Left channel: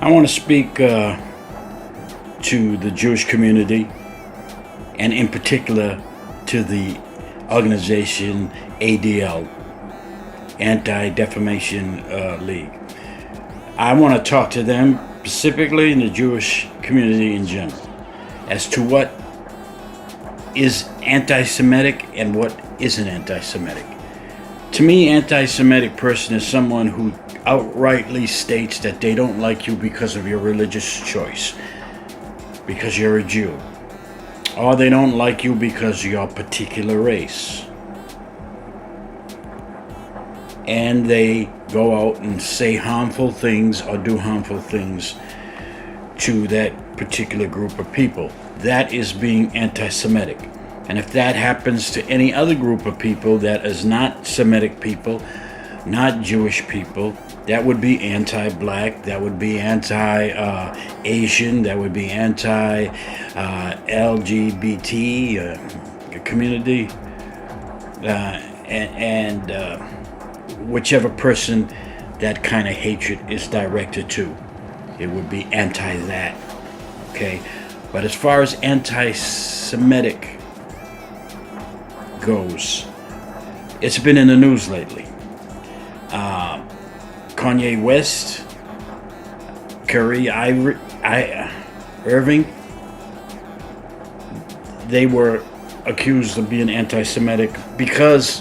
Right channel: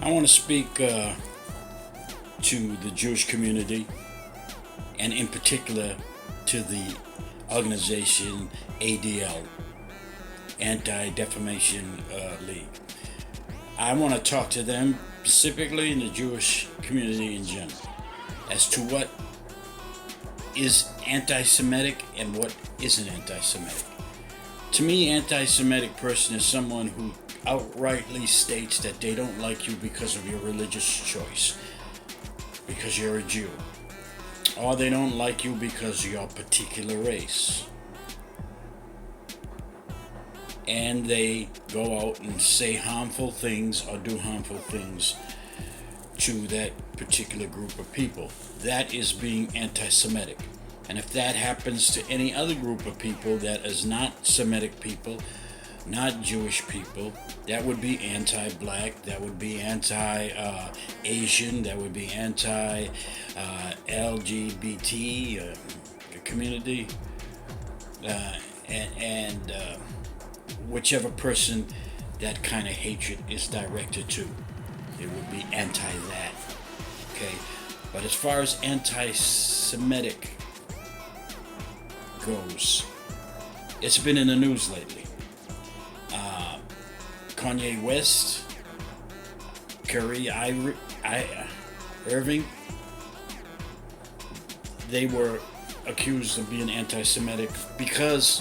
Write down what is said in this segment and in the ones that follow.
I want to speak to the Jewish community, and in particular to the organization ADL, Anti-Defamation League. I want to talk to them specifically in the Jewish community in general as to what is anti-Semitic and what isn't anti-Semitic. To me, anti-Semitic person is someone who outrightly states that they don't like you because of your religious choice, because you're a Jew, or they don't like you because you're a particular race. And they go out and say harmful things or do harmful things to that particular group of people. That is being anti-Semitic. And if that happens to any other group of people that is not Semitic people, not Jewish people, that would be anti-black, that would be anti-Asian, that would be anti-LGBT community, and whichever person that kind of hatred is directed to. It would be anti that. Okay? But as far as anti-Semitic goes, it's been in the news lately. Kanye West, Irving, they were accused of being anti-Semitic because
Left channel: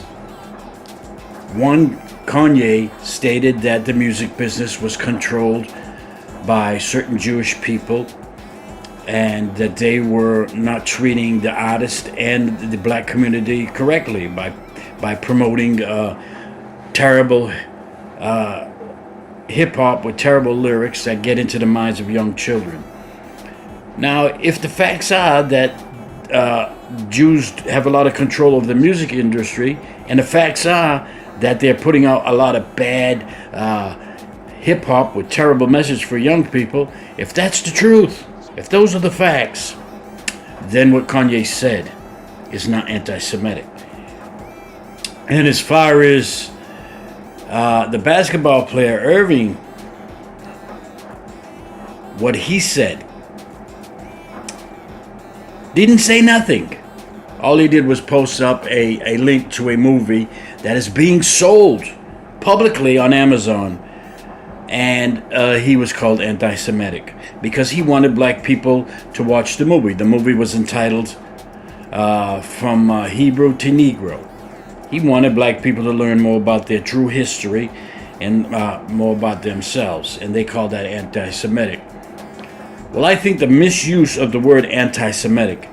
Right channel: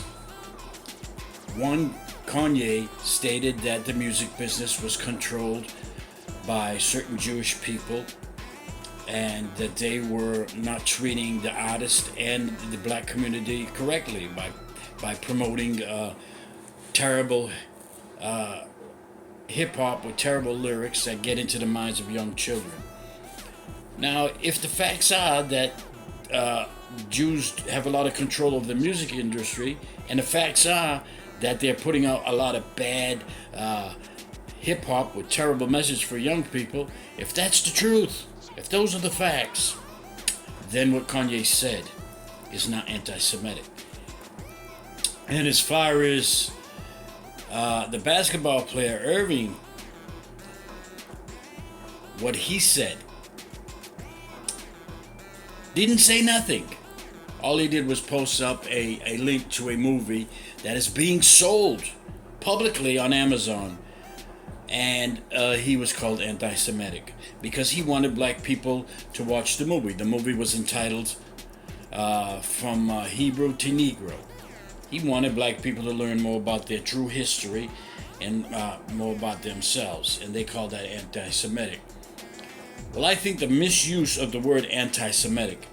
one, Kanye stated that the music business was controlled by certain Jewish people and that they were not treating the artist and the black community correctly by promoting terrible hip-hop with terrible lyrics that get into the minds of young children. Now, if the facts are that Jews have a lot of control over the music industry, and the facts are that they're putting out a lot of bad hip-hop with terrible message for young people, if that's the truth, if those are the facts, then what Kanye said is not anti-Semitic. And as far as the basketball player Irving, what he said, didn't say nothing. All he did was post up a link to a movie that is being sold publicly on Amazon, and he was called anti-Semitic because he wanted black people to watch the movie. The movie was entitled From Hebrew to Negro. He wanted black people to learn more about their true history and more about themselves, and they call that anti-Semitic. Well, I think the misuse of the word anti-Semitic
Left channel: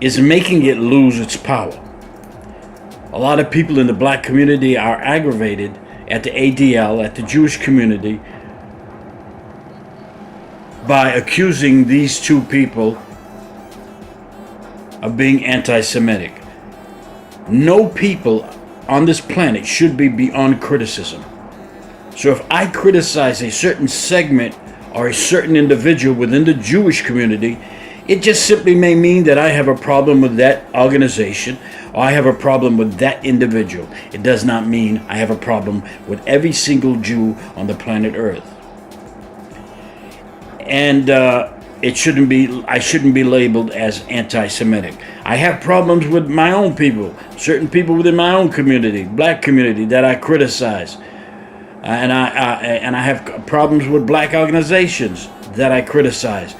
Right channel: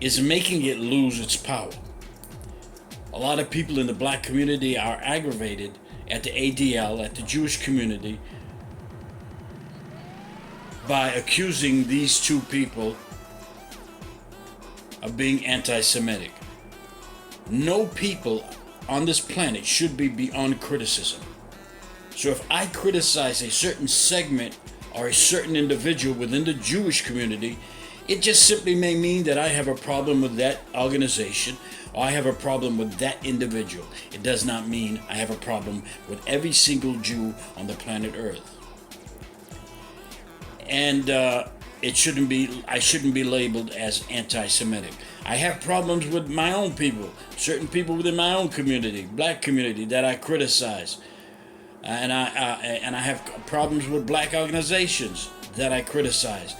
is making it lose its power. A lot of people in the black community are aggravated at the ADL, at the Jewish community, by accusing these two people of being anti-Semitic. No people on this planet should be beyond criticism. So if I criticize a certain segment or a certain individual within the Jewish community, it just simply may mean that I have a problem with that organization or I have a problem with that individual. It does not mean I have a problem with every single Jew on the planet Earth. And I shouldn't be labeled as anti-Semitic. I have problems with my own people, certain people within my own community, black community, that I criticize. And I have problems with black organizations that I criticize.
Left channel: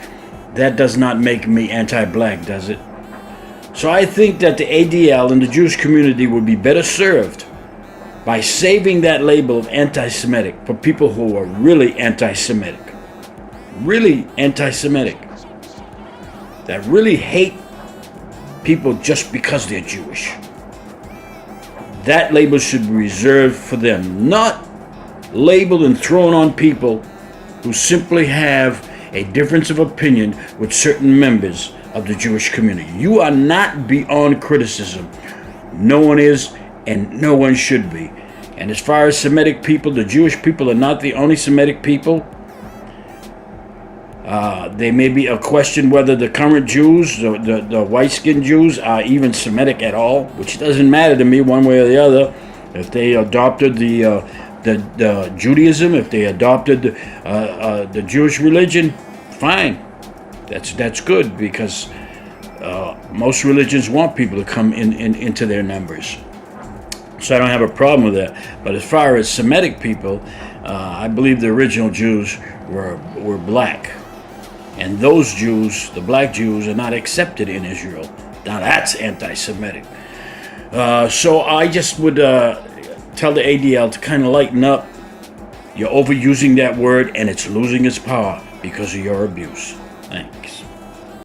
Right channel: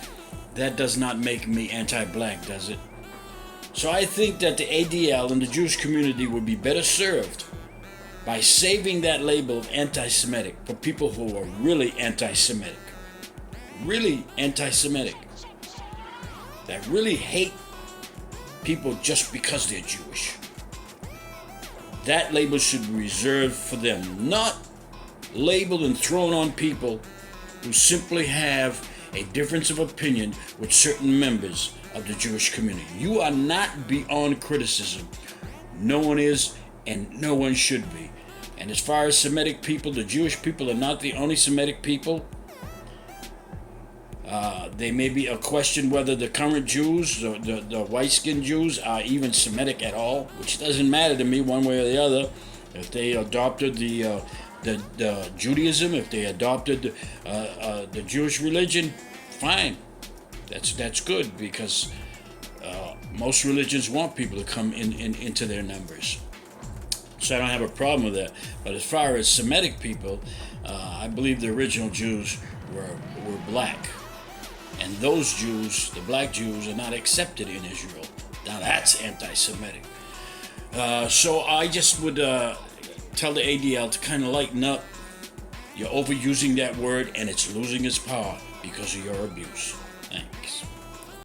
That does not make me anti-black, does it? So I think that the ADL and the Jewish community would be better served by saving that label of anti-Semitic for people who are really anti-Semitic. Really anti-Semitic. That really hate people just because they're Jewish. That label should be reserved for them, not labeled and thrown on people who simply have a difference of opinion with certain members of the Jewish community. You are not beyond criticism. No one is, and no one should be. And as far as Semitic people, the Jewish people are not the only Semitic people. There may be a question whether the current Jews, the white-skinned Jews, are even Semitic at all, which doesn't matter to me one way or the other. If they adopted the the Judaism, if they adopted the Jewish religion, fine. That's good, because most religions want people to come into their numbers. So I don't have a problem with that. But as far as Semitic people, I believe the original Jews were black. And those Jews, the black Jews, are not accepted in Israel. Now that's anti-Semitic. So I just would tell the ADL to kind of lighten up. You're overusing that word, and it's losing its power because of your abuse. Thanks.